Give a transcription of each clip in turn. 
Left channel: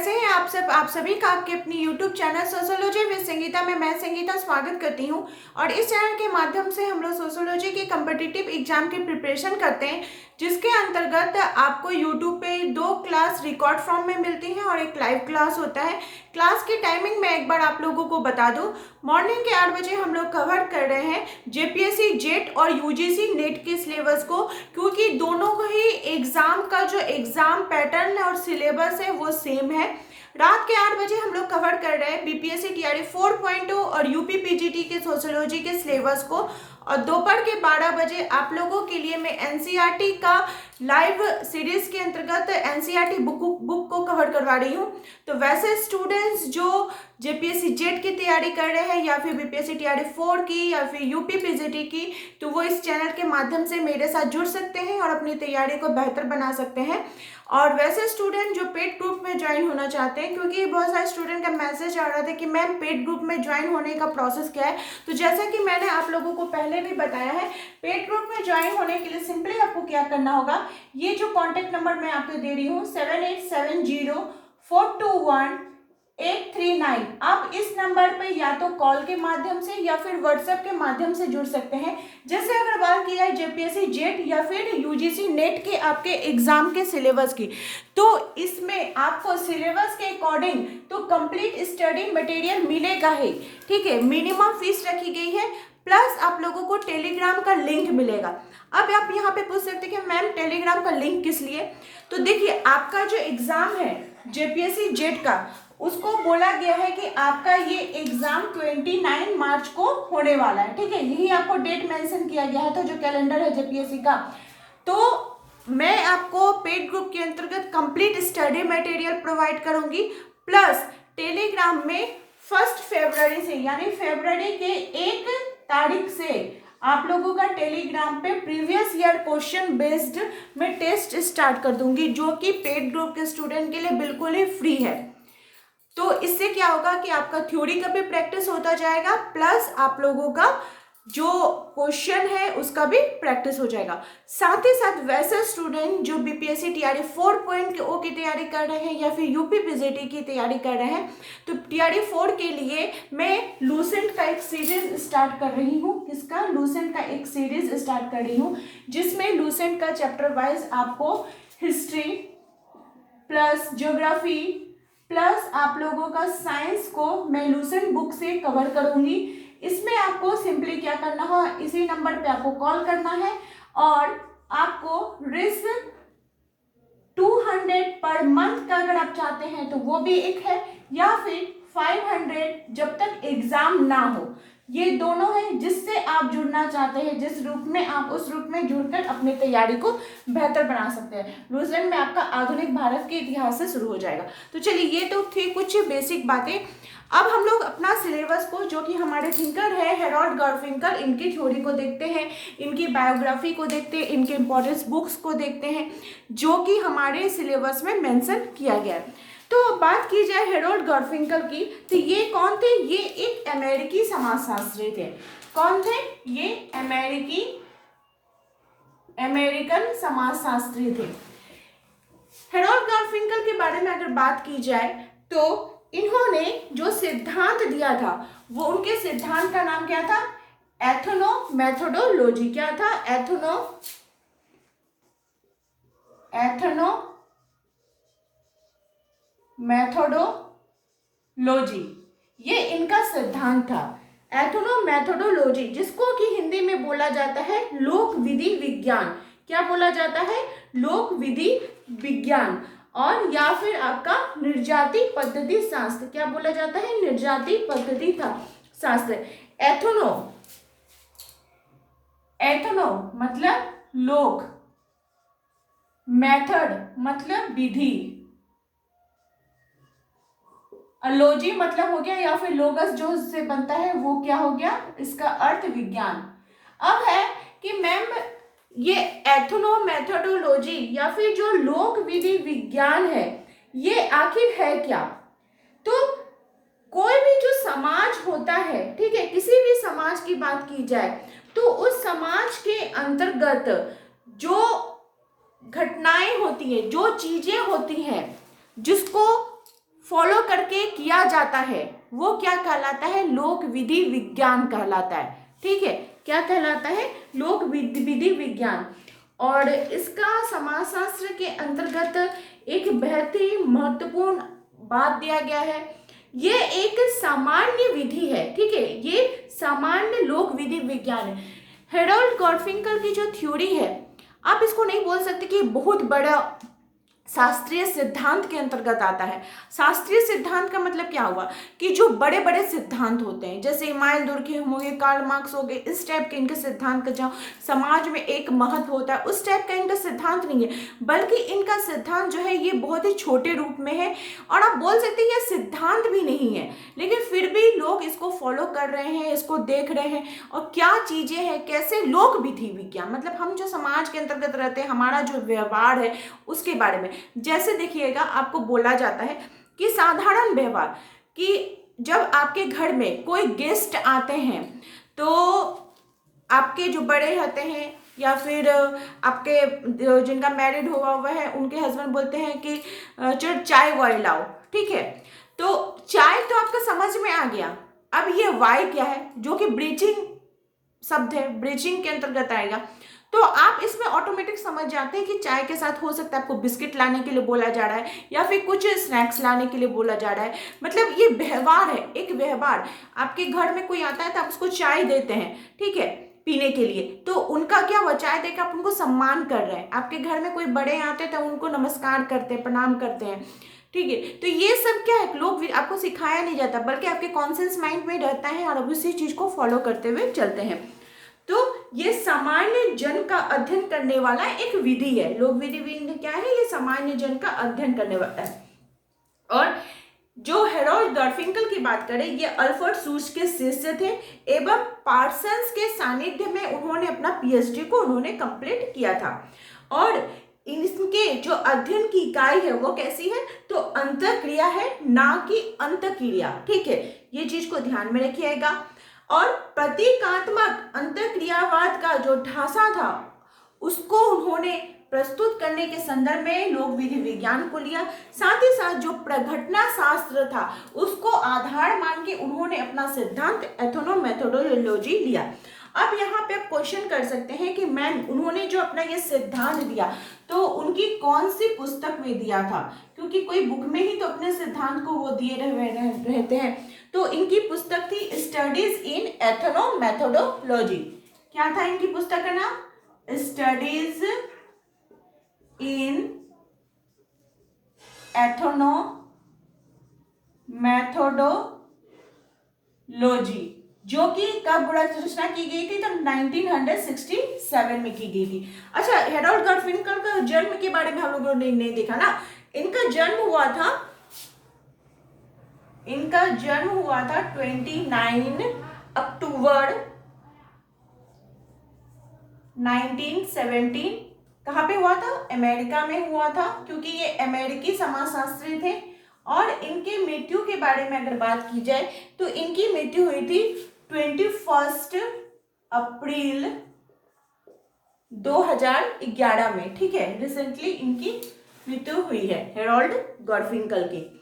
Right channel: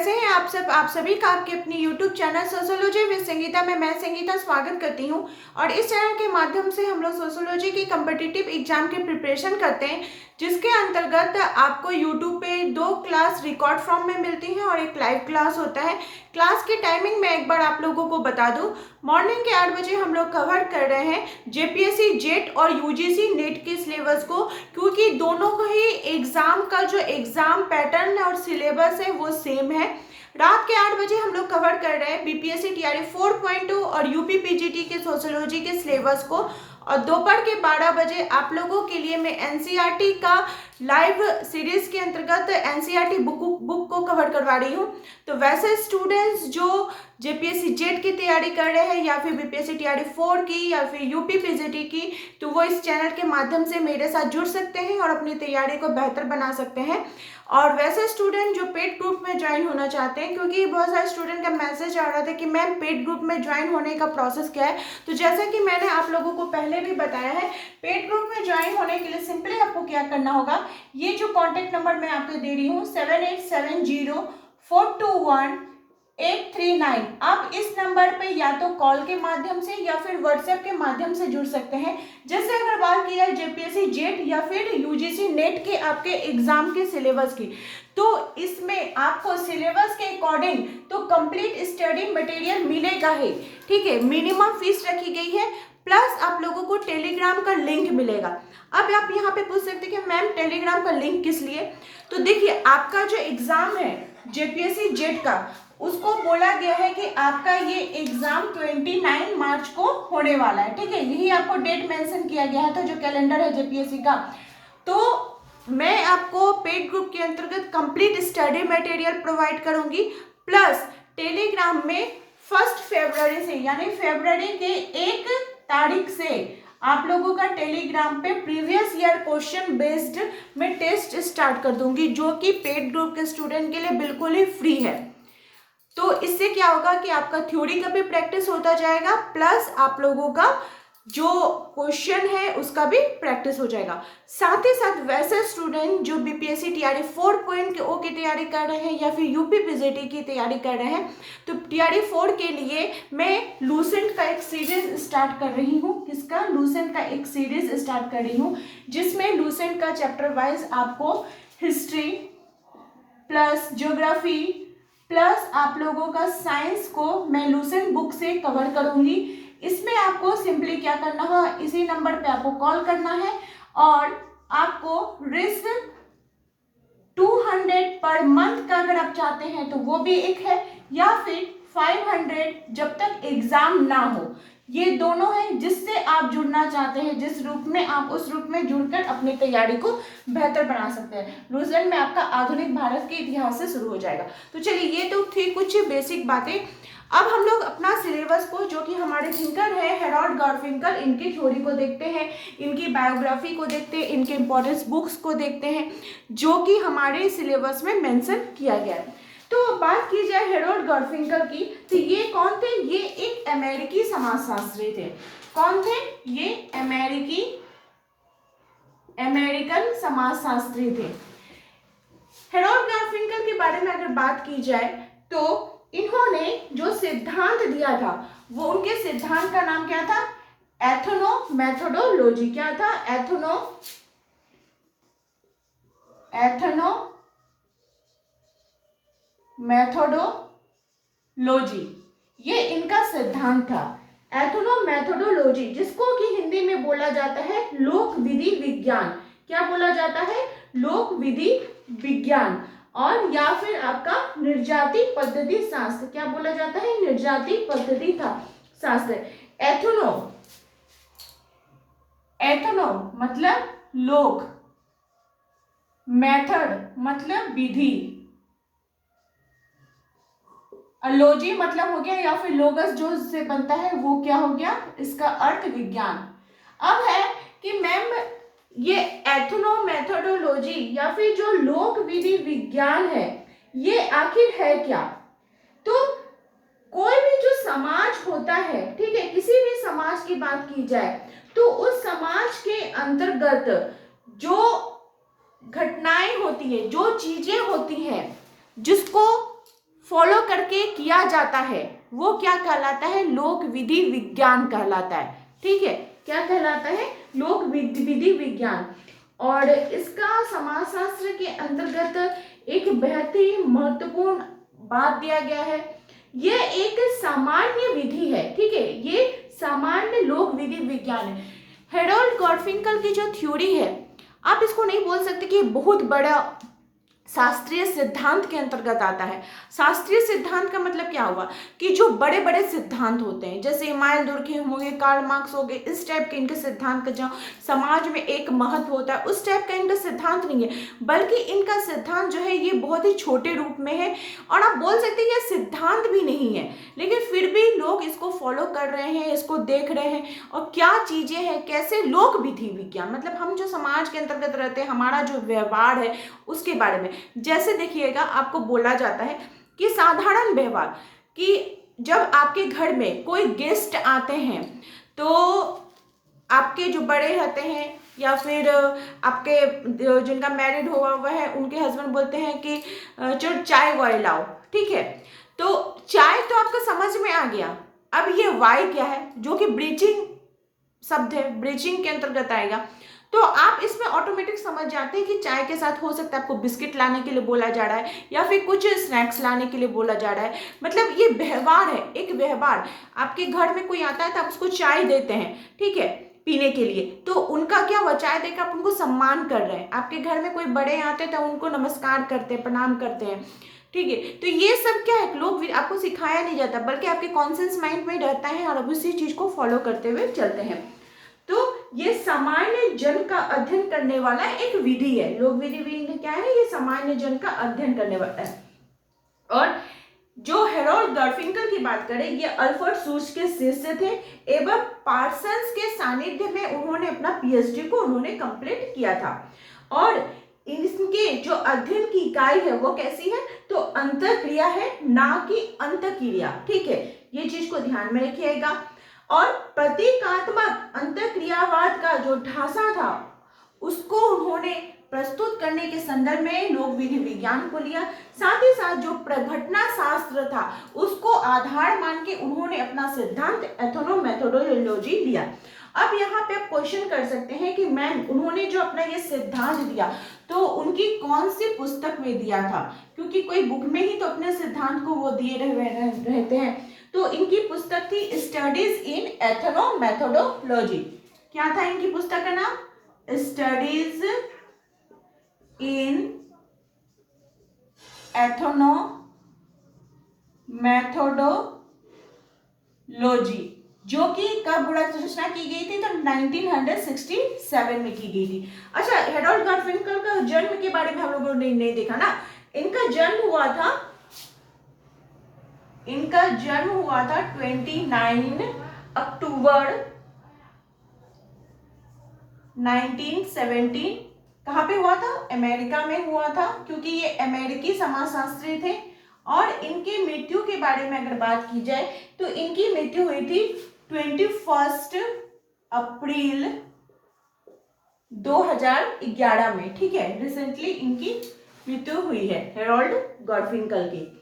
कैसे हैं आप सब। आप सभी का आपके अपनी YouTube channel sociology with Sangeeta में मैं संगीता स्वागत करती हूं। और इस चैनल के माध्यम से हम लोग सोशियोलॉजी के कम्पिटिटिव एग्जाम की प्रिपरेशन करते हैं, जिसके अंतर्गत आपको यूट्यूब पे 2 क्लास रिकॉर्ड फॉर्म में मिलती हैं और एक लाइव क्लास होता है। क्लास की टाइमिंग मैं एक बार आप लोगों को बता दूं। मॉर्निंग के 8 बजे हम लोग कवर कर रहे हैं जेपीएससी जेट और यूजीसी नेट के सिलेबस को, क्योंकि दोनों का ही एग्जाम का जो एग्जाम पैटर्न और सिलेबस है वो सेम है। रात के 8 बजे हम लोग कवर कर रहे हैं बीपीएससी टीआरई 4.2 और यूपी पीजीटी के सोशियोलॉजी के सिलेबस को, और दोपहर के 12 बजे आप लोगों के लिए मैं एनसीईआरटी का लाइव सीरीज के अंतर्गत एनसीईआरटी बुक को कवर करवा रही हूँ। तो वैसे स्टूडेंट्स जो जेपीएससी जेट की तैयारी कर रहे हैं या फिर बीपीएससी टीआरई 4 की या फिर यूपी पीजीटी की, तो वो इस चैनल के माध्यम से मेरे साथ जुड़ सकते हैं और अपनी तैयारी को बेहतर बना सकते हैं। और वैसे स्टूडेंट जो पेड ग्रुप में ज्वाइन होना चाहते हैं, क्योंकि बहुत सारे स्टूडेंट का मैसेज आ रहा था कि मैम पेड ग्रुप में ज्वाइन होने का प्रोसेस क्या है, तो जैसा कि मैंने आप लोगों को पहले भी बताया है, पेड ग्रुप में ज्वाइन होने के लिए सिंपली आपको क्या करना होगा, ये जो कॉन्टैक्ट नंबर मैं आपको दे रही हूँ 7870421839, आप इस नंबर पे या तो कॉल के माध्यम से या फिर व्हाट्सएप के माध्यम से जुड़ सकते हैं। जैसे अगर बात की जाए जेपीएससी जेट या फिर यूजीसी नेट के आपके एग्जाम के सिलेबस की, तो इसमें आपको सिलेबस के अकॉर्डिंग तो कंप्लीट स्टडी मटेरियल मिलेगा ही, ठीक है। मिनिमम फीस रखी गई है, प्लस आप लोगों को टेलीग्राम का लिंक मिलेगा। अब आप यहाँ पे पूछ सकते हैं कि मैम टेलीग्राम का लिंक किस लिए, तो देखिए आपका जो एग्जाम है जेपीएससी जेट का, उसको बोला गया है कि आपका ये एग्जाम 29 मार्च को होने वाला है, ठीक है। यही आपको डेट मेंशन किया गया था जो कैलेंडर है जेपीएससी का। तो मैं आपको पेड ग्रुप के अंतर्गत कंप्लीट स्टडी मटेरियल प्रोवाइड करूंगी, प्लस टेलीग्राम में 1 फरवरी से यानी फरवरी के 1 तारीख से आप लोगों का टेलीग्राम पे प्रीवियस ईयर क्वेश्चन बेस्ड में टेस्ट स्टार्ट कर दूंगी, जो कि पेड ग्रुप के स्टूडेंट के लिए बिल्कुल ही फ्री है। तो इससे क्या होगा कि आपका थ्योरी का भी प्रैक्टिस होता जाएगा, प्लस आप लोगों का जो क्वेश्चन है उसका भी प्रैक्टिस हो जाएगा। साथ ही साथ वैसे स्टूडेंट जो बीपीएससी टीआरई 4.0 की तैयारी कर रहे हैं या फिर यूपी पीजीटी की तैयारी कर रहे हैं, तो टीआरई 4 के लिए मैं लूसेंट का एक सीरीज स्टार्ट कर रही हूँ। किसका? लूसेंट का एक सीरीज स्टार्ट कर रही हूँ, जिसमें लूसेंट का चैप्टर वाइज आपको हिस्ट्री प्लस ज्योग्राफी प्लस आप लोगों का साइंस को मैं लूसेंट बुक से कवर करूंगी। इसमें आपको सिंपली क्या करना है, इसी नंबर पे आपको कॉल करना है और आपको रिस्क 200 पर मंथ का अगर आप चाहते हैं तो वो भी एक है, या फिर 500 जब तक एग्जाम ना हो, ये दोनों है। जिससे आप जुड़ना चाहते हैं, जिस रूप में आप उस रूप में जुड़कर अपनी तैयारी को बेहतर बना सकते हैं। लूसेंट में आपका आधुनिक भारत के इतिहास से शुरू हो जाएगा। तो चलिए, ये तो थी कुछ बेसिक बातें। अब हम लोग अपना सिलेबस को, जो कि हमारे थिंकर है हेरोल्ड गारफिंकल, इनकी थ्योरी को देखते हैं, इनकी बायोग्राफी को देखते हैं, इनके इंपॉर्टेंट बुक्स को देखते हैं, जो कि हमारे सिलेबस में मेंशन किया गया है। तो बात की जाए हेरोल्ड गारफिंकल की, तो ये कौन थे? ये एक अमेरिकी समाजशास्त्री थे। कौन थे? ये अमेरिकन समाजशास्त्री थे। हेरोल्ड गारफिंकल के बारे में अगर बात की जाए तो इन्होंने जो सिद्धांत दिया था, वो उनके सिद्धांत का नाम क्या था? एथनोमेथोडोलॉजी। क्या था? एथनोमेथोडोलॉजी, ये इनका सिद्धांत था। एथनोमेथोडोलॉजी, जिसको कि हिंदी में बोला जाता है लोक विधि विज्ञान। क्या बोला जाता है? लोक विधि विज्ञान। और या फिर आपका निर्जाति पद्धति शास्त्र। क्या बोला जाता है? निर्जाति पद्धति का शास्त्र। एथनो मतलब लोक, मेथड मतलब विधि, लॉजी मतलब हो गया, या फिर लोगस जो से बनता है वो क्या हो गया? इसका अर्थ विज्ञान। अब है कि मैम ये एथनोमेथोडोलॉजी या फिर जो लोक विधि विज्ञान है, ये आखिर है क्या? तो कोई भी जो समाज होता है, ठीक है, किसी भी समाज की बात की जाए तो उस समाज के अंतर्गत जो घटनाएं होती है, जो चीजें होती हैं, जिसको फॉलो करके किया जाता है वो क्या कहलाता है, लोक विधि विज्ञान कहलाता है। ठीक है, क्या कहलाता है, लोक विधि विज्ञान। और इसका समाजशास्त्र के अंतर्गत एक बहुत ही महत्वपूर्ण बात दिया गया है, ये एक सामान्य विधि है। ठीक है, ये सामान्य लोक विधि विज्ञान है। हेरोल्ड गार्फिंकल की जो थ्योरी है, आप इसको नहीं बोल सकते कि बहुत बड़ा शास्त्रीय सिद्धांत के अंतर्गत आता है। शास्त्रीय सिद्धांत का मतलब क्या हुआ कि जो बड़े बड़े सिद्धांत होते हैं, जैसे इमानुएल दुर्खेम हो गए, कार्ल मार्क्स हो गए, इस टाइप के इनके सिद्धांत का जो समाज में एक महत्व होता है, उस टाइप का इनका सिद्धांत नहीं है, बल्कि इनका सिद्धांत जो है ये बहुत ही छोटे रूप में है। और आप बोल सकते हैं ये सिद्धांत भी नहीं है, लेकिन फिर भी लोग इसको फॉलो कर रहे हैं, इसको देख रहे हैं। और क्या चीजें हैं, कैसे लोक विधि विज्ञान, मतलब हम जो समाज के अंतर्गत रहते हैं, हमारा जो व्यवहार है उसके बारे में। जैसे देखिएगा, आपको बोला जाता है कि साधारण व्यवहार, कि जब आपके घर में कोई गेस्ट आते हैं तो आपके जो बड़े रहते हैं या फिर आपके जिनका मैरिड हुआ हुआ है उनके हस्बैंड बोलते हैं कि चलो चाय वाय लाओ। ठीक है, तो चाय तो आपका समझ में आ गया। अब ये वाई क्या है, जो कि ब्रीचिंग शब्द है, ब्रीचिंग के अंतर्गत आएगा। तो आप इसमें ऑटोमेटिक समझ जाते हैं कि चाय के साथ हो सकता है आपको बिस्किट लाने के लिए बोला जा रहा है या फिर कुछ स्नैक्स लाने के लिए बोला जा रहा है। मतलब ये व्यवहार है, एक व्यवहार। आपके घर में कोई आता है तो आप उसको चाय देते हैं, ठीक है, पीने के लिए, तो उनका क्या हुआ, चाय देकर आप उनको सम्मान कर रहे हैं। आपके घर में कोई बड़े आते हैं तो उनको नमस्कार करते हैं, प्रणाम करते हैं। ठीक है, तो ये सब क्या है, लोग आपको सिखाया नहीं जाता, बल्कि आपके कॉन्शियस माइंड में रहता है और आप उसी चीज को फॉलो करते हुए चलते हैं। तो ये सामान्य जन का अध्ययन करने वाला एक विधि है। लोक विधि विधि क्या है, ये सामान्य जन का अध्ययन करने वाला है। और जो हेरोल्ड गार्फिंकल की बात करें, ये अल्फ्रेड सूच के शिष्य थे एवं पार्सन्स के सानिध्य में उन्होंने अपना पीएचडी को उन्होंने कंप्लीट किया था। और इनके जो अध्ययन की इकाई है वो कैसी है, तो अंतःक्रिया है, ना कि अंतःक्रिया। ठीक है, ये चीज को ध्यान में रखिएगा। और प्रतीकात्मक अंतःक्रियावाद का जो ढांचा था उसको उन्होंने प्रस्तुत करने के संदर्भ में लोक विधि विज्ञान को लिया। साथ ही साथ जो प्रघटना शास्त्र था उसको आधार मान के उन्होंने अपना सिद्धांत एथनोमेथोडोलॉजी लिया। अब यहाँ पे आप क्वेश्चन कर सकते हैं कि मैम उन्होंने जो अपना ये सिद्धांत दिया तो उनकी कौन सी पुस्तक में दिया था, क्योंकि कोई बुक में ही तो अपने सिद्धांत को वो दिए रहते हैं। तो इनकी पुस्तक थी स्टडीज इन एथनोमेथोडोलॉजी। क्या था इनकी पुस्तक का नाम, स्टडीज इन एथनोमेथोडोलॉजी, जो कि कब रचना की गई थी, तो 1967 में की गई थी। अच्छा, हेरोल्ड गार्फिंकल का जन्म के बारे में हम लोगों ने नहीं देखा ना। इनका जन्म हुआ था 29 अक्टूबर 1917। कहाँ पे हुआ था, अमेरिका में हुआ था, क्योंकि ये अमेरिकी समाजशास्त्री थे। और इनके मृत्यु के बारे में अगर बात की जाए तो इनकी मृत्यु हुई थी 21 अप्रैल 2011 में। ठीक है, रिसेंटली इनकी मृत्यु हुई है हेरोल्ड गार्फिंकल की।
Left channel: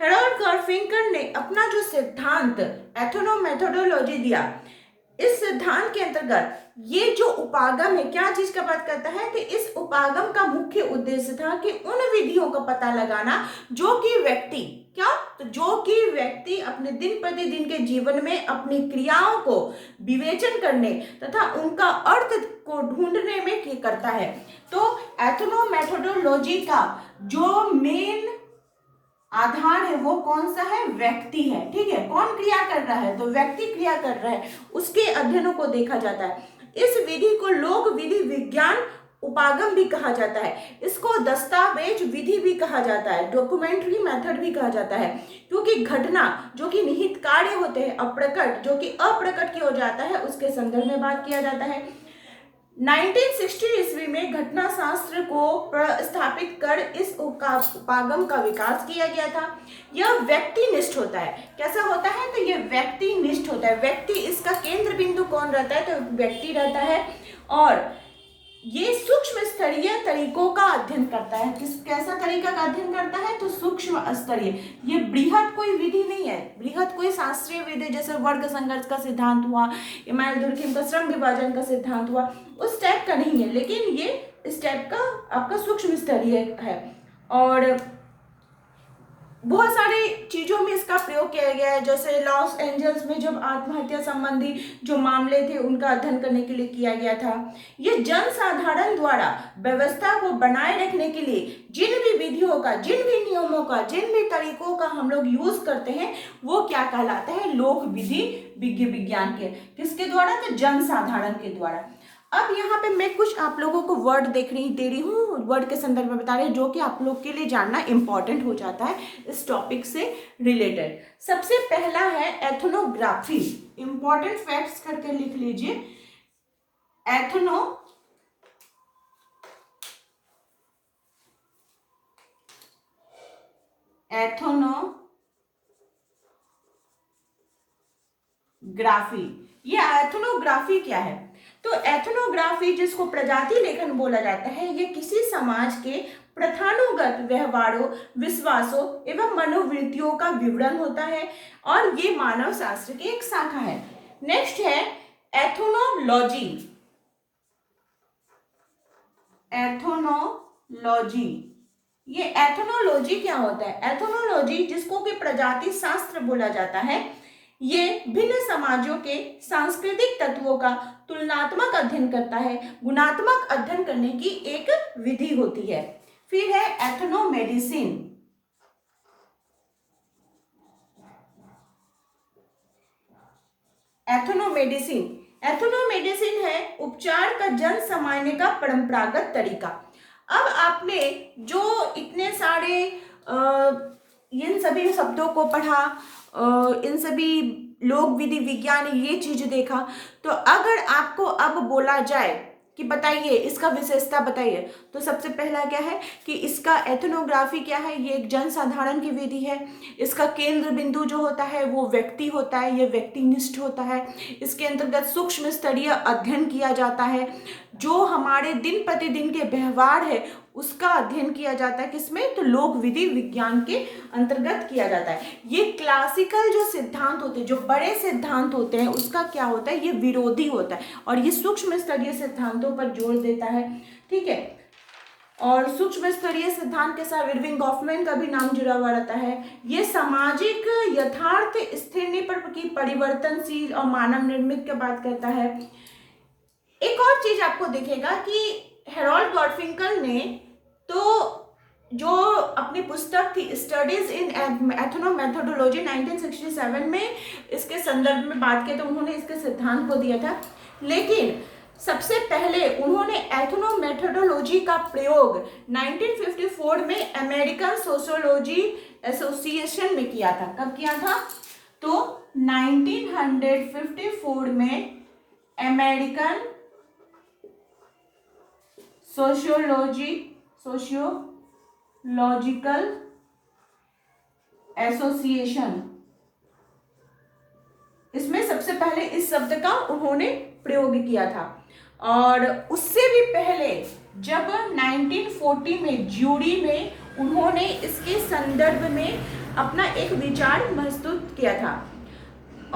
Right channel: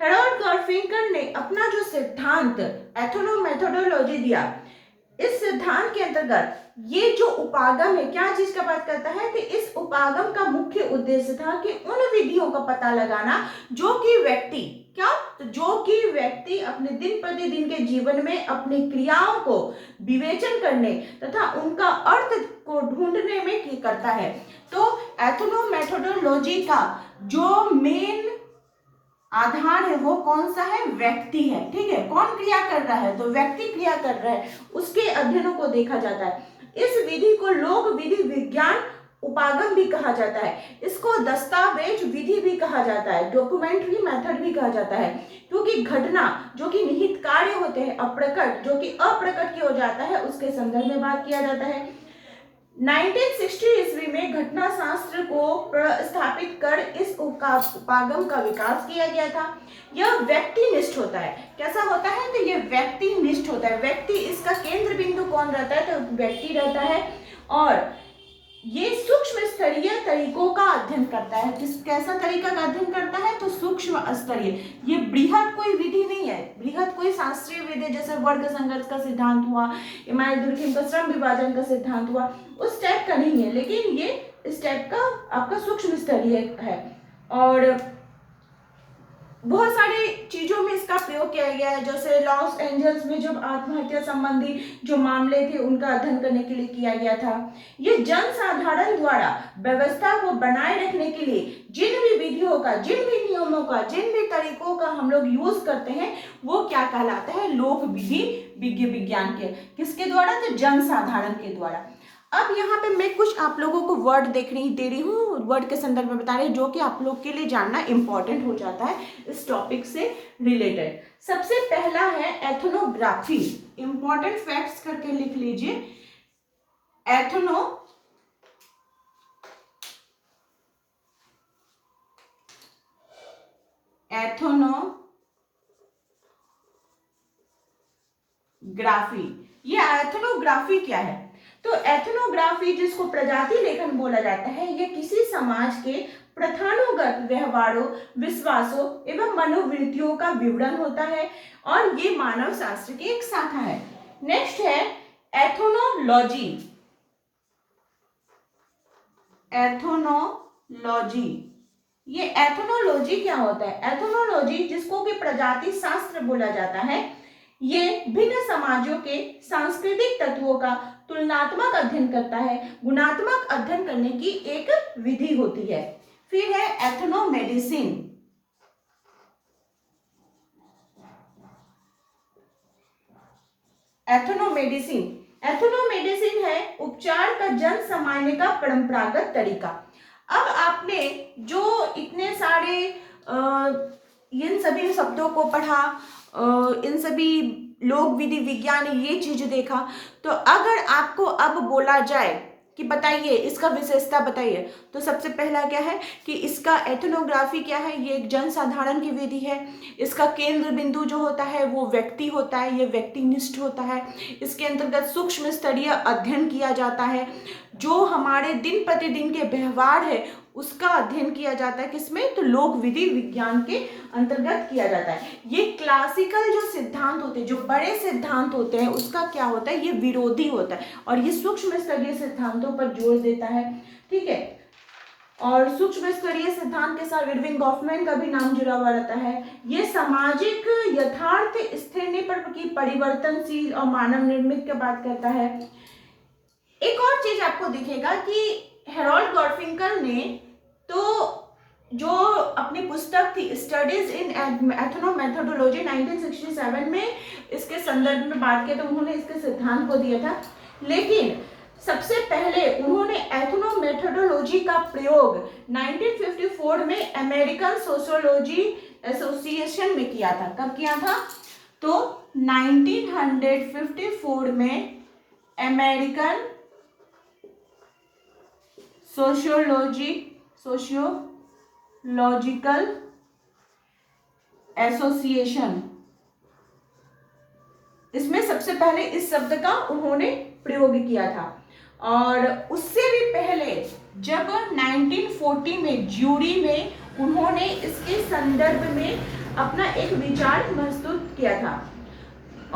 हेरोल्ड गार्फिंकल ने अपना जो सिद्धांत एथनोमेथोडोलॉजी दिया, इस सिद्धांत के अंतर्गत ये जो उपागम है, क्या चीज का बात करता है, कि इस उपागम का मुख्य उद्देश्य था कि उन विधियों का पता लगाना जो कि व्यक्ति अपने दिन प्रतिदिन के जीवन में अपनी क्रियाओं को विवेचन करने तथा उनका अर्थ को ढूंढने में करता है। तो एथनोमेथोडोलॉजी का जो मेन आधार है वो कौन सा है, व्यक्ति है। ठीक है, कौन क्रिया कर रहा है, तो व्यक्ति क्रिया कर रहा है, उसके अध्ययनों को देखा जाता है। इस विधि को लोक विधि विज्ञान उपागम भी कहा जाता है। इसको दस्तावेज विधि भी कहा जाता है, डॉक्यूमेंट्री मेथड भी कहा जाता है, क्योंकि घटना जो कि निहित कार्य होते हैं, अप्रकट जो कि अप्रकट किया जाता है, उसके संदर्भ में बात किया जाता है। 1960 ईस्वी में घटना शास्त्र को स्थापित कर इस उपागम का विकास किया गया था। यह व्यक्तिनिष्ठ होता है। कैसा होता है, तो यह व्यक्तिनिष्ठ होता है। व्यक्ति इसका केंद्र बिंदु कौन रहता है, तो व्यक्ति रहता है। और ये सूक्ष्म स्तरीय तरीकों का अध्ययन करता है। कैसा तरीका का अध्ययन करता है? तो सूक्ष्म स्तरीय। ये बृहद कोई विधि नहीं है, बृहद कोई शास्त्रीय विधि जैसे वर्ग संघर्ष का सिद्धांत हुआ, इमानुएल दुर्खिम का श्रम विभाजन का सिद्धांत हुआ, उस टाइप का नहीं है, लेकिन ये इस टाइप का आपका सूक्ष्म स्तरीय है। और बहुत सारी चीजों में इसका प्रयोग किया गया है, जैसे लॉस एंजल्स में जब आत्महत्या संबंधी जो मामले थे उनका अध्ययन करने के लिए किया गया था। ये जनसाधारण द्वारा व्यवस्था को बनाए रखने के लिए जिन भी विधियों का, जिन भी नियमों का, जिन भी तरीकों का हम लोग यूज करते हैं वो क्या कहलाता है? लोक विधि विज्ञान के। किसके द्वारा? तो जनसाधारण के द्वारा। अब यहाँ पे मैं कुछ आप लोगों को वर्ड दे रही हूँ, वर्ड के संदर्भ में बता रही हूँ, जो कि आप लोग के लिए जानना इंपॉर्टेंट हो जाता है इस टॉपिक से रिलेटेड। सबसे पहला है एथनोग्राफी। इंपॉर्टेंट फैक्ट्स करके लिख लीजिए। एथनोग्राफी। ये एथनोग्राफी क्या है? तो एथनोग्राफी, जिसको प्रजाति लेखन बोला जाता है, ये किसी समाज के प्रथानुगत व्यवहारों, विश्वासों एवं मनोवृत्तियों का विवरण होता है और ये मानव शास्त्र की एक शाखा है। नेक्स्ट है एथनोलॉजी। एथनोलॉजी, ये एथनोलॉजी क्या होता है? एथनोलॉजी, जिसको कि प्रजाति शास्त्र बोला जाता है, ये भिन्न समाजों के सांस्कृतिक तत्वों का तुलनात्मक अध्ययन करता है, गुणात्मक अध्ययन करने की एक विधि होती है। फिर है एथनोमेडिसिन। एथनोमेडिसिन है उपचार का जन सामान्य का परंपरागत तरीका। अब आपने जो इतने सारे इन सभी शब्दों को पढ़ा, इन सभी लोक विधि विज्ञान ये चीज देखा, तो अगर आपको अब बोला जाए कि बताइए इसका विशेषता बताइए, तो सबसे पहला क्या है कि इसका एथनोग्राफी क्या है? ये एक जनसाधारण की विधि है। इसका केंद्र बिंदु जो होता है वो व्यक्ति होता है, ये व्यक्तिनिष्ठ होता है। इसके अंतर्गत सूक्ष्म स्तरीय अध्ययन किया जाता है, जो हमारे दिन प्रतिदिन के व्यवहार है उसका अध्ययन किया जाता है। किसमें? तो लोक विधि विज्ञान के अंतर्गत किया जाता है। ये क्लासिकल जो सिद्धांत होते हैं, जो बड़े सिद्धांत होते हैं, उसका क्या होता है? ये विरोधी होता है और ये सूक्ष्म स्तरीय सिद्धांतों पर जोर देता है। ठीक है, और सूक्ष्म स्तरीय सिद्धांत के साथ इरविंग गॉफमैन का भी नाम जुड़ा हुआ रहता है। ये सामाजिक यथार्थ स्थिति पर की परिवर्तनशील और मानव निर्मित की बात करता है। एक और चीज आपको दिखेगा कि हेरोल्ड गारफिंकल ने तो जो अपनी पुस्तक थी स्टडीज इन एथनोमेथोडोलॉजी 1967 में इसके संदर्भ में बात की, तो उन्होंने इसके सिद्धांत को दिया था। लेकिन सबसे पहले उन्होंने एथनोमेथोडोलॉजी का प्रयोग 1954 में अमेरिकन सोशियोलॉजी एसोसिएशन में किया था। कब किया था? तो 1954 में अमेरिकन सोशियोलॉजिकल एसोसिएशन, इसमें सबसे पहले इस शब्द का उन्होंने प्रयोग किया था। और उससे भी पहले जब 1940 में ज्यूरी में उन्होंने इसके संदर्भ में अपना एक विचार प्रस्तुत किया था।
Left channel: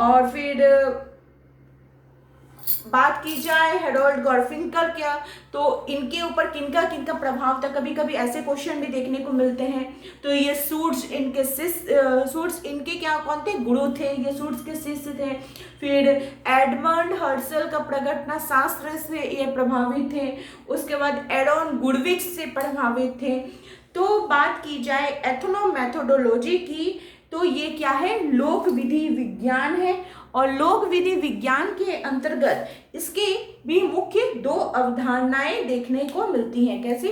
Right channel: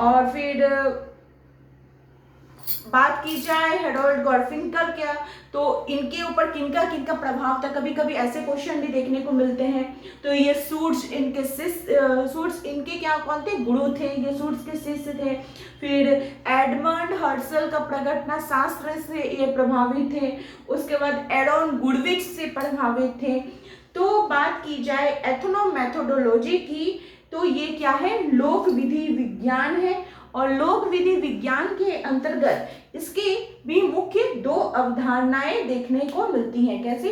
और फिर बात की जाए हेरोल्ड गारफिंकल क्या, तो इनके ऊपर किनका किनका प्रभाव था, कभी कभी ऐसे क्वेश्चन भी देखने को मिलते हैं। तो ये सूट्स इनके क्या कौन थे? गुरु थे, ये सूट्स के शिष्य थे। फिर एडमंड हर्सल का प्रकटना शास्त्र से ये प्रभावित थे। उसके बाद एडॉन गुडविच से प्रभावित थे। तो बात की जाए एथनोमेथोडोलॉजी की, तो ये क्या है? लोक विधि विज्ञान है। और लोक विधि विज्ञान के अंतर्गत इसकी भी मुख्य दो अवधारणाएं देखने को मिलती हैं। कैसे?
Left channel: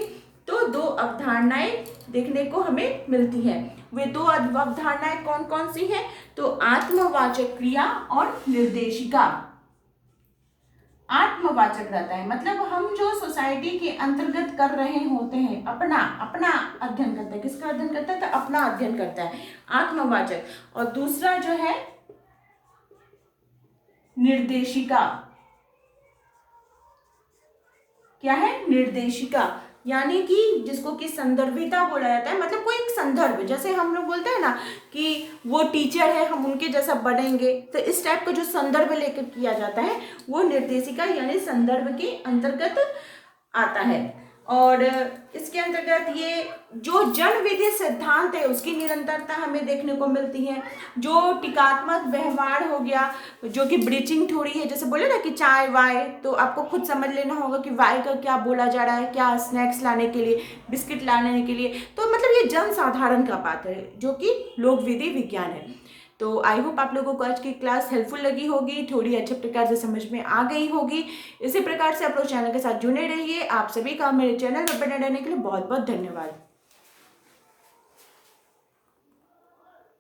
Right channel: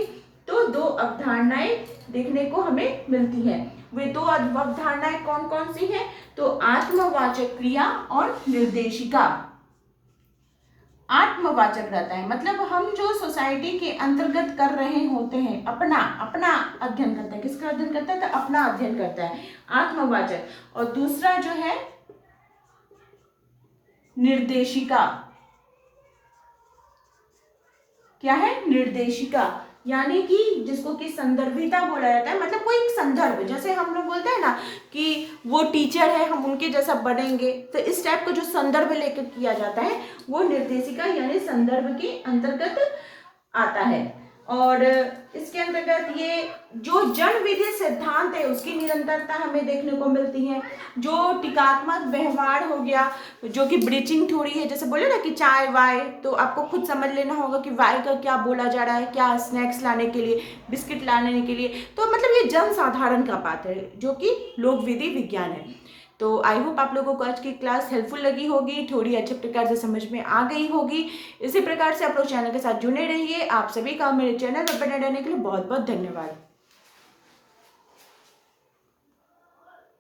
तो दो अवधारणाएं देखने को हमें मिलती हैं। वे दो अवधारणाएं कौन कौन सी हैं? तो आत्मवाचक क्रिया और निर्देशिका। आत्मवाचक रहता है मतलब हम जो सोसाइटी के अंतर्गत कर रहे होते हैं, अपना अध्ययन करता है। किसका अध्ययन करता है? तो अपना अध्ययन करता है, आत्मवाचक। और दूसरा जो है निर्देशिका। क्या है? निर्देशिका। यानी कि जिसको कि संदर्भिता बोला जाता है, मतलब कोई एक संदर्भ, जैसे हम लोग बोलते हैं ना कि वो टीचर है, हम उनके जैसा बनेंगे, तो इस टाइप का जो संदर्भ लेकर किया जाता है वो निर्देशिका यानी संदर्भ के अंतर्गत आता है। और इसके अंतर्गत ये जो जन विधि सिद्धांत है उसकी निरंतरता हमें देखने को मिलती है। जो टीकात्मक व्यवहार हो गया, जो कि ब्रीचिंग थ्योरी है, जैसे बोले ना कि चाय वाय, तो आपको खुद समझ लेना होगा कि वाय का क्या बोला जा रहा है, क्या स्नैक्स लाने के लिए, बिस्किट लाने के लिए, तो मतलब ये जन साधारण का बात है जो कि लोक विधि विज्ञान है। तो आई होप आप लोगों को आज की क्लास हेल्पफुल लगी होगी, थोड़ी अच्छे प्रकार से समझ में आ गई होगी। इसी प्रकार से आप लोग चैनल के साथ जुड़े रहिए। आप सभी का मेरे चैनल पर बने रहने के लिए बहुत बहुत धन्यवाद।